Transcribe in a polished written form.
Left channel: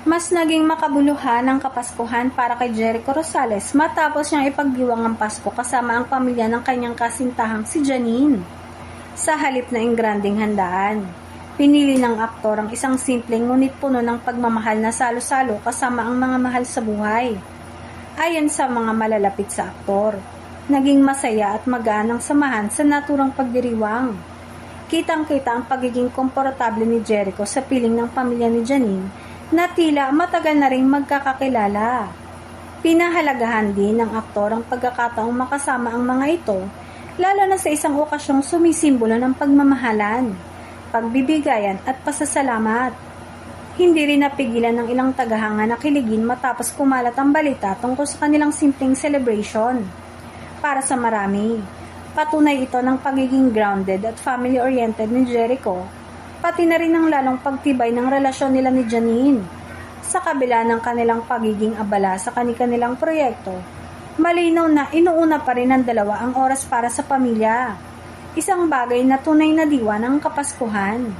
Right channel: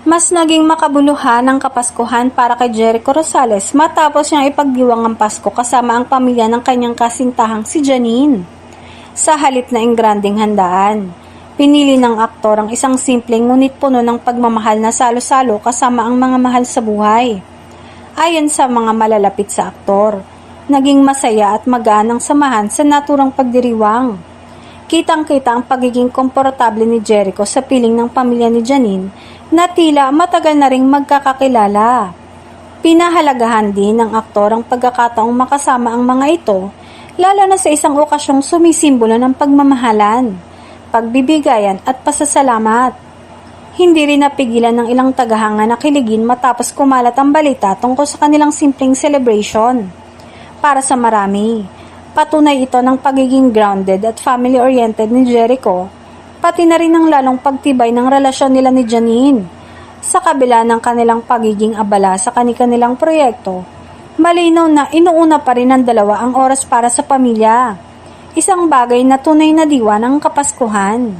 Mas naging makabuluhan ang Kapaskuhan para kay Jericho Rosales matapos niyang ipagdiwang ang Pasko kasama ang pamilya ng kanyang kasintahang si Janine. Sa halip na ingranding handaan, pinili ng aktor ang isang simpleng ngunit puno ng pagmamahal na salo-salo kasama ang mga mahal sa buhay. Ayon sa mga malalapit sa aktor, naging masaya at magaan ang samahan sa naturang pagdiriwang. Kitang-kita ang pagiging komportable ni Jericho sa piling ng pamilya ni Janine na tila matagal na ring magkakakilala. Pinahalagahan din ng aktor ang pagkakataong makasama ang mga ito, lalo na sa isang okasyong sumisimbolo ng pagmamahalan, pagbibigayan at pasasalamat. Hindi rin napigilan ng ilang tagahanga na kiligin matapos kumalat ang balita tungkol sa kanilang simpleng celebration. Para sa marami, patunay ito ng pagiging grounded at family-oriented ni Jericho, pati na rin ang lalong pagtibay ng relasyon nila ni Janine. Sa kabila ng kanilang pagiging abala sa kanilang proyekto, malinaw na inuuna pa rin ng dalawa ang oras para sa pamilya. Isang bagay na tunay na diwa ng Kapaskuhan.